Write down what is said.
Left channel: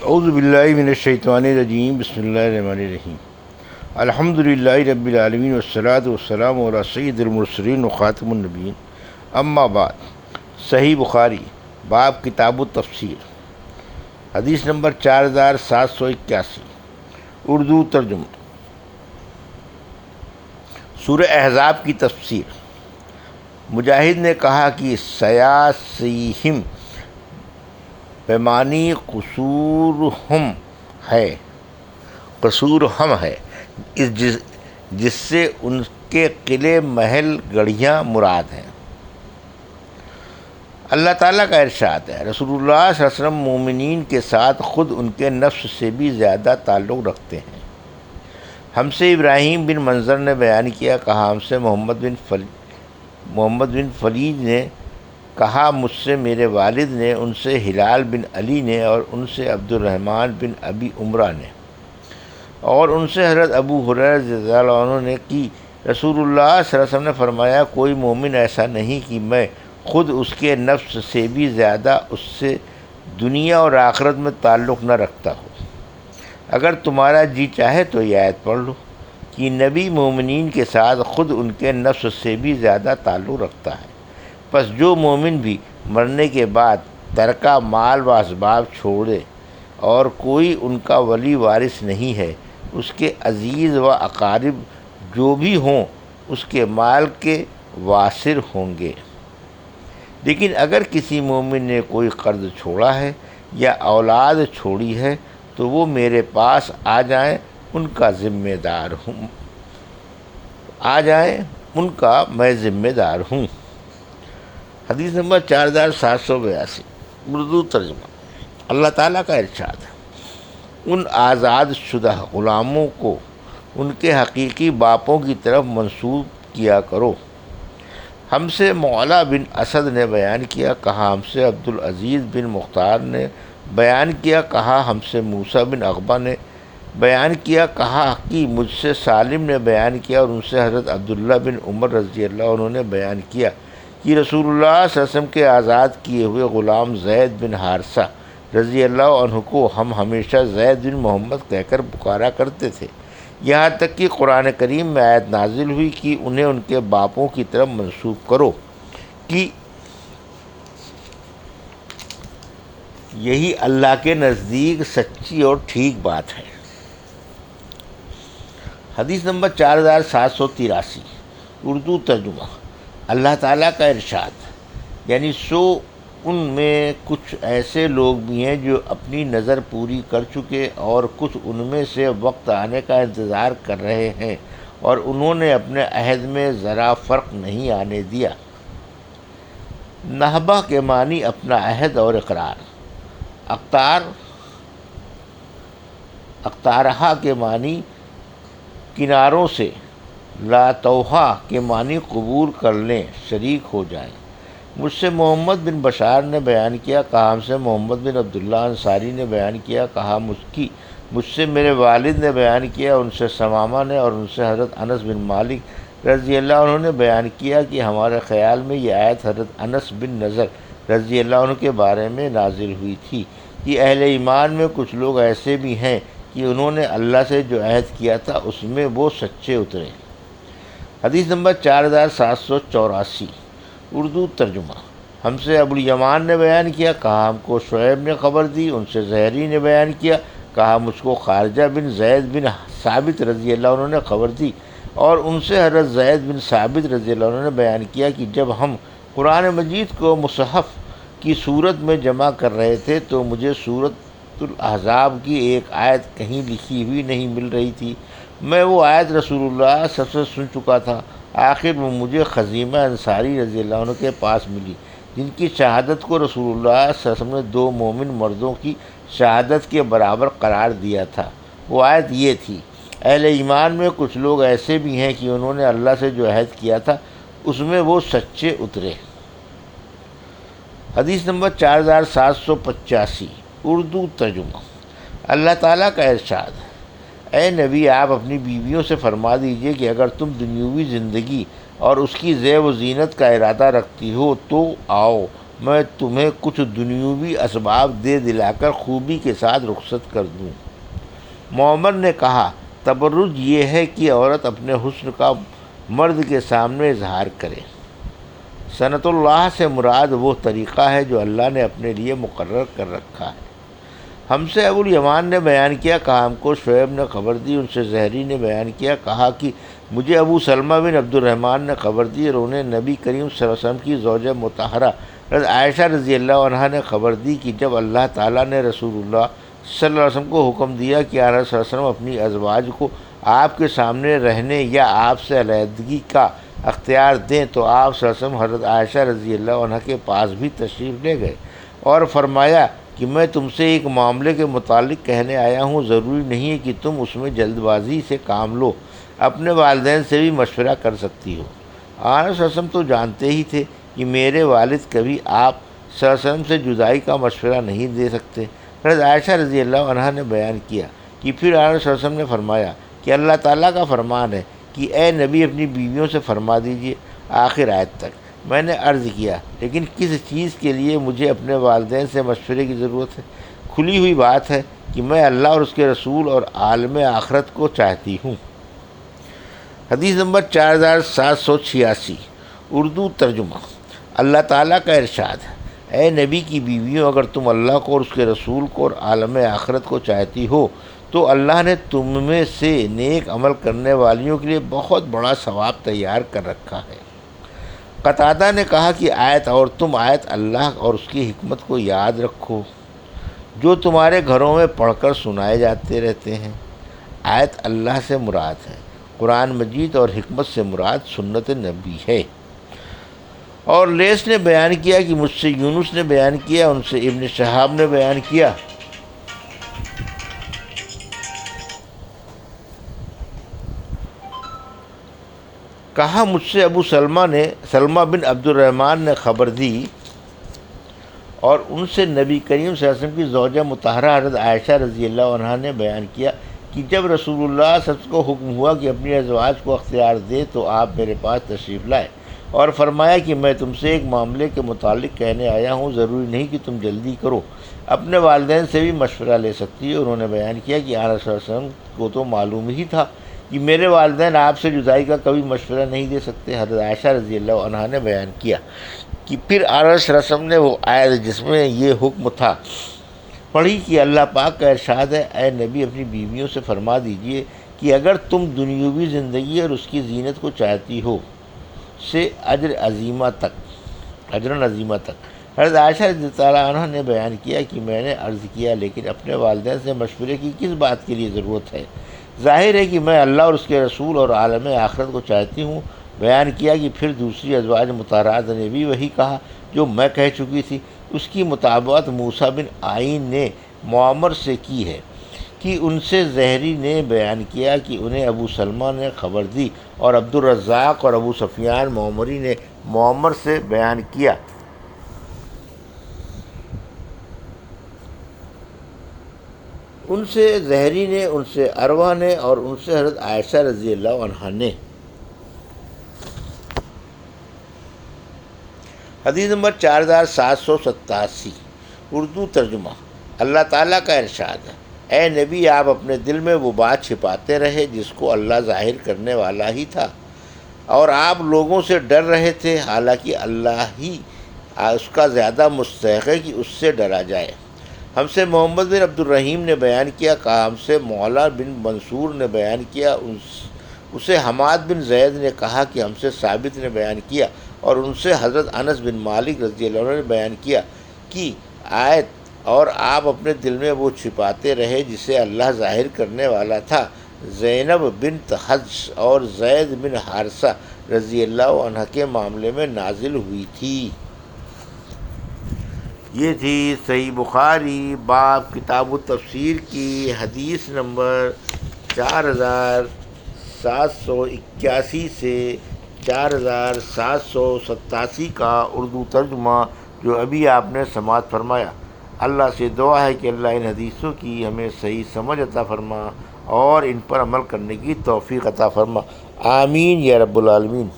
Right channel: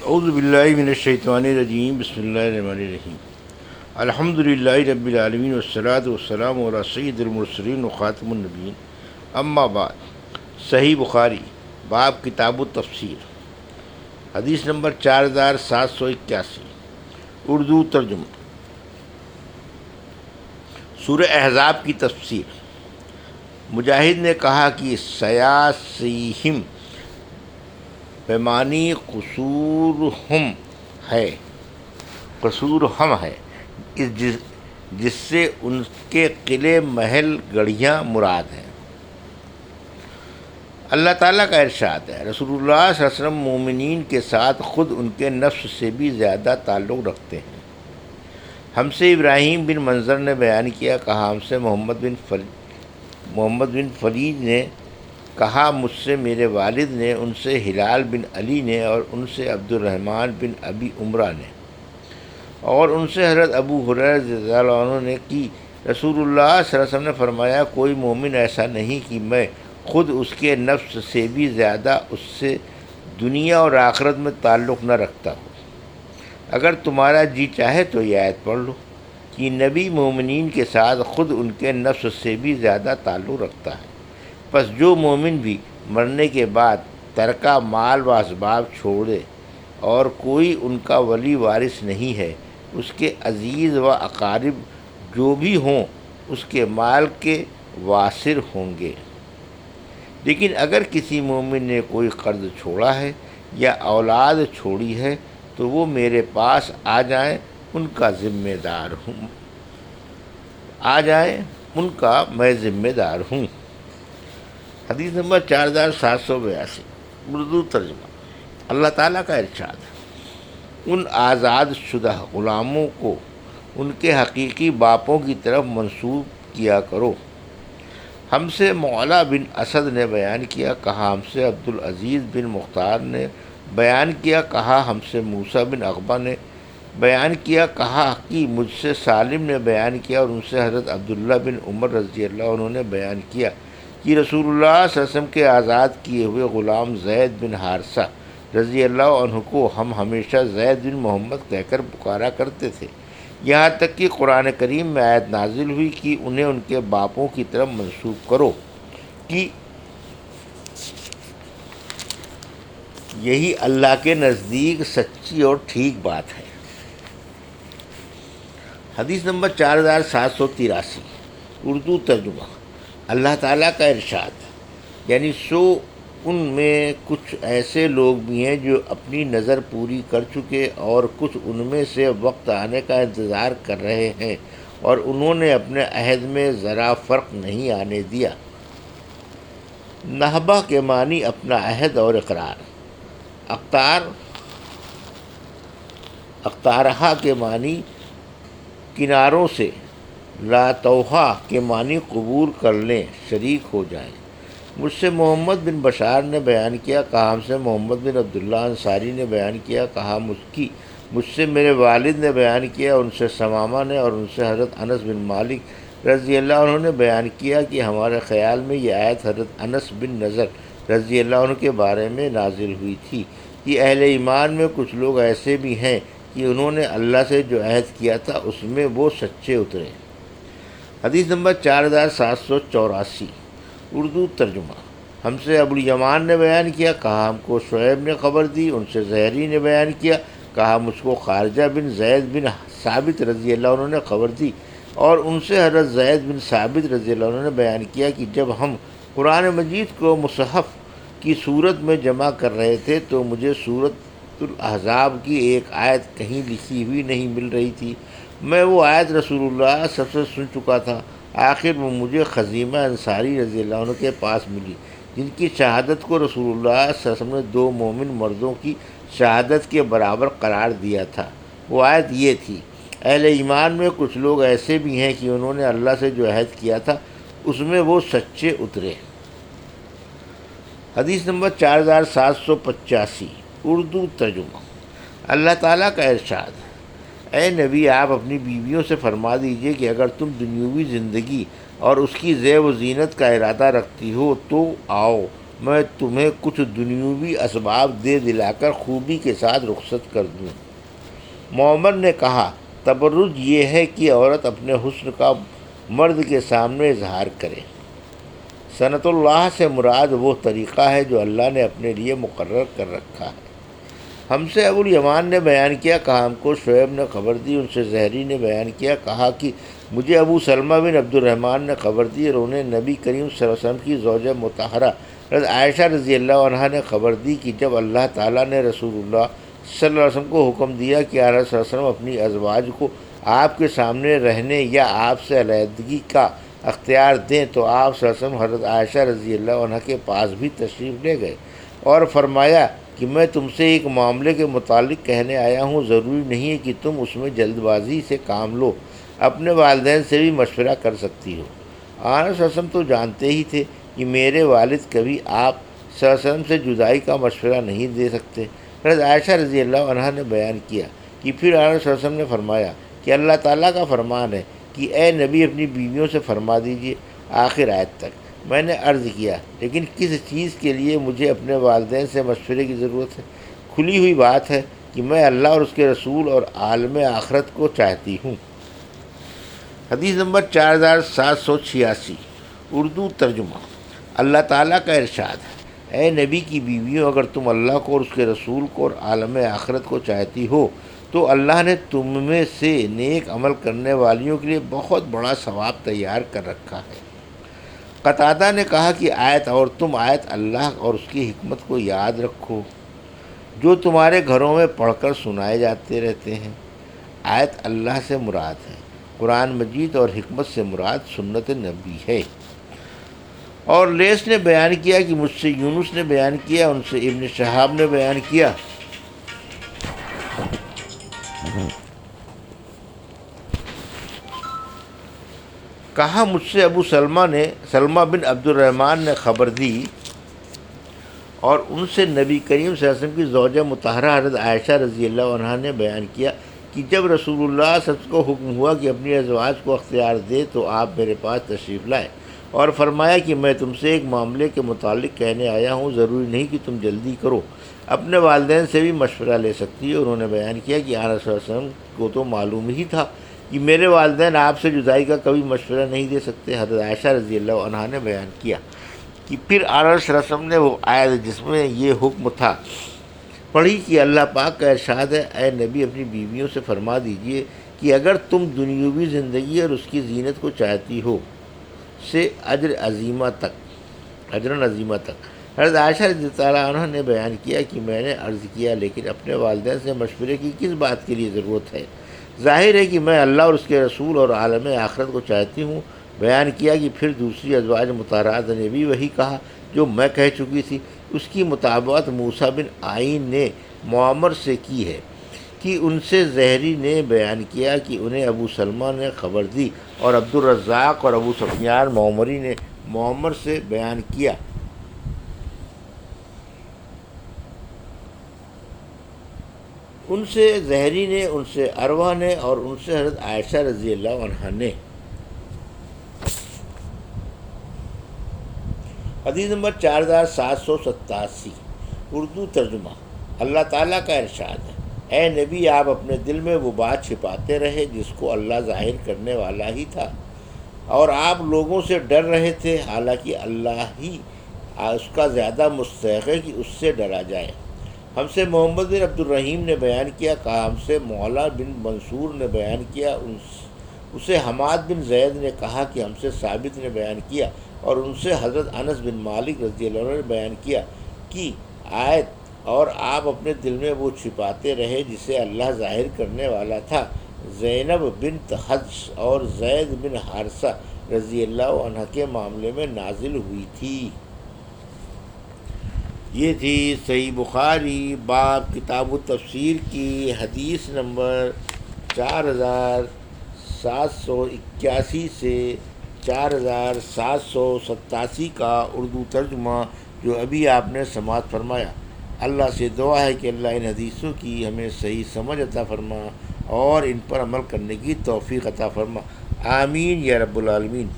اعوذ باللہ من الشیطان الرجیم، بسم اللہ الرحمن الرحیم۔ الحمد للہ رب العالمین والصلاۃ والسلام علی سید المرسلین وخاتم النبیین، اما بعد۔ صحیح بخاری، باب کتاب التفسیر، حدیث نمبر 4781، اردو ترجمہ۔ سورہ احزاب کی تفسیر۔ مجاہد نے کہا کہ سیاسیہم پیمانی قصورہم ہے، جس سے ان کے قلعے محل گڑھیاں مراد ہیں۔ اللہ تعالیٰ کا ارشاد ہے، رسول اللہ صلی اللہ علیہ وسلم مومنین کے ساتھ خود ان کے نفس سے بھی زیادہ تعلق رکھتے ہیں۔ ہم سے ابراہیم بن منظر نے بیان کیا، کہا ہم سے محمد بن فلیج نے، کہا مجھ سے میرے والد نے، ان سے ہلال بن علی نے، اور ان سے عبد الرحمن بن ابی عمرہ نے، اور ان سے حضرت ابو ہریرہ رضی اللہ عنہ نے کہ رسول اللہ صلی اللہ علیہ وسلم نے فرمایا، کوئی مومن ایسا نہیں کہ میں خود اس کے نفس سے بھی زیادہ اس سے دنیا اور آخرت میں تعلق نہ رکھتا ہو۔ اگر تمہارا جی چاہے تو یہ آیت پڑھ لو کہ نبی مومنین کے ساتھ خود ان کے نفس سے بھی زیادہ تعلق رکھتا ہے۔ پس جو مومن بھی مرنے کے بعد ترکہ مال و اسباب چھوڑے اور کوئی ان کا ولی وارث نہیں ہے، اس کے عزیز و اقارب جو بھی ہوں اس کے مال کے وارث ہوں گے۔ لیکن اگر کسی مومن نے کوئی قرض چھوڑا ہے یا اولاد چھوڑی ہے تو وہ میرے پاس آ جائیں، ان کا میں ذمہ دار ہوں۔ حدیث نمبر 4782، اردو ترجمہ۔ اللہ تعالیٰ کا ارشاد ہے، ان آزاد شدہ غلاموں کو ان کے حقیقی باپوں کی طرف منسوب کیا کرو۔ ہم سے معلا بن اسد نے بیان کیا، کہا ہم سے عبدالعزیز بن مختار نے بیان کیا، کہا ہم سے موسیٰ بن عقبہ نے بیان کیا، کہا کہ مجھ سے سالم نے بیان کیا، اور ان سے حضرت عبداللہ بن عمر رضی اللہ عنہ نے بیان کیا کہ رسول اللہ صلی اللہ علیہ وسلم کے آزاد کیے ہوئے غلام زید بن حارثہ رضی اللہ عنہ کو ہم ہمیشہ زید بن محمد کہہ کر پکارا کرتے تھے، یہاں تک کہ قرآن کریم میں آیت نازل ہوئی کہ انہیں ان کے باپوں کی طرف منسوب کرو، کہ یہی اللہ کے نزدیک سچی اور ٹھیک بات ہے۔ حدیث نمبر 4783، اردو ترجمہ۔ اللہ تعالیٰ کا ارشاد، یعنی ان میں کچھ ایسے لوگ بھی ہیں جو اپنی نظر پوری کر چکے، اور کچھ ان میں سے وقت آنے کا انتظار کر رہے ہیں، اور انہوں نے اپنے عہد میں ذرا فرق نہیں آنے دیا۔ نہبہ کے معنی اپنا عہد اور اقرار، اقتارہا کے معنی کناروں سے، لاتوہا کے معنی قبول کر لیں، شریک ہو جائیں۔ مجھ سے محمد بن بشار نے بیان کیا، کہا ہم سے محمد بن عبداللہ انصاری نے بیان کیا، کہا مجھ سے میرے والد نے بیان کیا، ان سے ثمامہ نے، اور ان سے حضرت انس بن مالک رضی اللہ عنہ نے بیان کیا کہ ہمارے خیال میں یہ آیت حضرت انس بن نضر رضی اللہ عنہ کے بارے میں نازل ہوئی تھی کہ اہل ایمان میں کچھ لوگ ایسے بھی ہیں کہ انہوں نے اللہ سے جو عہد کیا تھا اس میں وہ سچے اترے۔ حدیث نمبر 4784، اردو ترجمہ۔ ہم سے ابو الیمان نے بیان کیا، کہا ہم کو شعیب نے خبر دی، ان سے زہری نے بیان کیا، کہا مجھ کو خارجہ بن زید بن ثابت رضی اللہ عنہ نے خبر دی، اور ان سے حضرت زید بن ثابت رضی اللہ عنہ نے بیان کیا کہ جب ہم قرآن مجید کو مصحف کی صورت میں جمع کر رہے تھے تو مجھے سورۃ الاحزاب کی ایک آیت کہیں لکھی ہوئی نہیں مل رہی تھی۔ میں وہ آیت رسول اللہ سب سے سن چکا تھا، آخر وہ مجھے خزیمہ انصاری رضی اللہ عنہ کے پاس ملی، جن کی شہادت کو رسول اللہ صلی اللہ علیہ وسلم نے 2 مومن مردوں کی شہادت کے برابر قرار دیا تھا۔ وہ آیت یہ تھی، اہل ایمان میں کچھ لوگ ایسے بھی ہیں کہ انہوں نے اللہ سے جو عہد کیا تھا اس میں وہ سچے اترے۔ حدیث نمبر 4785، اردو ترجمہ۔ اللہ تعالیٰ کا ارشاد ہے، اے نبی آپ اپنی بیویوں سے فرما دیجئے کہ اگر تم دنیوی زندگی اور اس کی زیب و زینت کا ارادہ رکھتی ہو تو آؤ، میں تمہیں کچھ دنیوی اسباب دے دلا کر خوبی کے ساتھ رخصت کر دوں۔ معمر نے کہا، تبرج یہ ہے کہ عورت اپنے حسن کا مرد کے سامنے اظہار کرے۔ سنت اللہ سے مراد وہ طریقہ ہے جو اللہ نے اپنے لیے مقرر کر رکھا ہے۔ ہم سے ابو الیمان نے بیان کیا، کہا ہم کو شعیب نے خبر دی، ان سے زہری نے بیان کیا، کہا کہ مجھے ابو سلمہ بن عبد الرحمن نے خبر دی اور انہیں نبی کریم صلی اللہ علیہ وسلم کی زوجہ مطہرہ حضرت عائشہ رضی اللہ عنہا نے خبر دی کہ جب اللہ تعالیٰ نے رسول اللہ صلی اللہ علیہ وسلم کو حکم دیا کہ آپ صلی اللہ علیہ وسلم اپنی ازواج کو آپ کے سامنے رہنے یا آپ سے علیحدگی کا اختیار دیں، تو آپ صلی اللہ علیہ وسلم حضرت عائشہ رضی اللہ عنہا کے پاس بھی تشریف لے گئے اور فرمایا کہ میں تم سے ایک معاملے کے متعلق کہنے آیا ہوں، ضروری نہیں ہے کہ تم اس میں جلد بازی سے کام لو، اپنے والدین سے بھی مشورہ کر سکتی ہو۔ آپ صلی اللہ علیہ وسلم تو جانتے ہی تھے کہ میرے والد کبھی آپ صلی اللہ علیہ وسلم سے جدائی کا مشورہ نہیں دے سکتے۔ حضرت عائشہ رضی اللہ عنہا نے بیان کیا کہ پھر آپ صلی اللہ علیہ وسلم نے فرمایا کہ اللہ تعالیٰ کا فرمان ہے کہ اے نبی اپنی بیویوں سے فرما دیجیے، آخر آیت تک۔ میں نے عرض کیا، لیکن کس چیز کے لیے مجھے اپنے والدین سے مشورے کی ضرورت ہے؟ کھلی ہوئی بات ہے کہ میں اللہ اور اس کے رسول اور عالم آخرت کو چاہتی ہوں۔ حدیث نمبر 4786، اردو ترجمہ۔ اللہ تعالیٰ کا ارشاد ہے، اے نبی کی بیویوں، اگر تم اللہ کو اور اس کے رسول کو اور عالم آخرت کو چاہتی ہو تو اللہ نے تم میں سے نیک عمل کرنے والیوں کے لیے بہت بڑا ثواب تیار کر رکھا ہے۔ قتادہ نے کہا کہ آیت اور تم آیت اللہ اور اس کی حکمت کو یاد رکھو جو تمہارے گھروں میں پڑھ کر سنائے جاتے رہتے ہیں۔ آیت اللہ سے مراد ہے، قرآن مجید، اور حکمت سے مراد سنت نبی ہے۔ اور لیث نے بیان کیا کہ مجھ سے یونس نے بیان کیا، ان سے ابن شہاب نے بیان کیا کہا مجھ سے ابو سلمہ بن عبد الرحمن نے خبر دی اور ان سے نبی کریم صلی اللہ علیہ وسلم کی زوجہ مطہرہ حضرت عائشہ رضی اللہ عنہا نے بیان کیا کہ جب رسول اللہ صلی اللہ علیہ وسلم کو حکم ہوا کہ اپنی ازواج کو اختیار دے تو آپ میرے پاس تشریف لائے اور فرمایا کہ میں تم سے ایک معاملے کے متعلق کہنے آیا ہوں، ضروری نہیں کہ تم جلدی کرو، اپنے والدین سے بھی مشورہ لے سکتی ہو۔ انہوں نے بیان کیا کہ آپ صلی اللہ علیہ وسلم کو تو معلوم ہی تھا کہ میرے والدین آپ سے جدائی کا کبھی مشورہ نہیں دے سکتے۔ حضرت عائشہ رضی اللہ عنہا نے بیان کیا کہ پھر آپ صلی اللہ علیہ وسلم نے وہ آیت جس میں یہ حکم تھا پڑھی کہ اللہ پاک کا ارشاد ہے، اے نبی اپنی بیویوں سے فرما دیجئے کہ اگر تم دنیاوی زندگی اور اس کی زینت کو چاہتی ہو سے اجر عظیمہ تک۔ حضرت عائشہ رضی اللہ عنہ نے بیان کیا کہ میں نے عرض کیا، لیکن اپنے والدین سے مشورے کی کس بات کے لیے ضرورت ہے؟ ظاہر ہے کہ میں اللہ اور اس کے رسول اور عالم آخرت کو چاہتی ہوں۔ بیان کیا کہ پھر دوسری ازواج مطہرات نے بھی وہی کہا جو میں کہہ چکی تھی۔ اس کی مطابقت موسیٰ بن عین نے معمر سے کی ہے کہ ان سے زہری نے بیان کیا کہ انہیں ابو سلمہ نے خبر دی، اور عبد الرزاق اور ابو سفیان معمری نے معمر سے بیان کیا ان سے زہری نے، ان سے عروہ نے، اور ان سے حضرت عائشہ رضی اللہ عنہا نے۔ حدیث نمبر 4787، اردو ترجمہ۔ اللہ تعالیٰ کا ارشاد ہے، اے نبی آپ اپنے دل میں وہ بات چھپاتے رہے جس کو اللہ ظاہر کرنے والا ہی تھا، اور آپ لوگوں سے ڈر رہے تھے، حالانکہ اللہ ہی اس کا زیادہ مستحق ہے کہ اس سے ڈرا جائے۔ ہم سے محمد بن عبد الرحیم نے بیان کیا، کہا ہم سے مولا بن منصور نے بیان کیا، اسے حماد بن زید نے کہا کہ ہم سے ثابت نے بیان کیا، اور ان سے حضرت انس بن مالک رضی اللہ عنہ نے بیان کیا کہ آیت اور آپ اپنے دل میں وہ چھپاتے رہے جسے اللہ ظاہر کرنے والا تھا، زینب بنت حجش اور زید بن حارثہ رضی اللہ عنہ کے معاملے میں نازل ہوئی تھی۔ یہ تھی صحیح بخاری باب کتاب التفسیر کی حدیث نمبر 4781 سے 4787 کا اردو ترجمہ جو ابھی آپ نے سماعت فرمایا۔ اللہ سے دعا ہے کہ اللہ ان حدیثوں کی ہمیں صحیح سمجھ عطا فرما اور ان پر عمل کرنے کی توفیق عطا فرما، آمین یا رب العالمین۔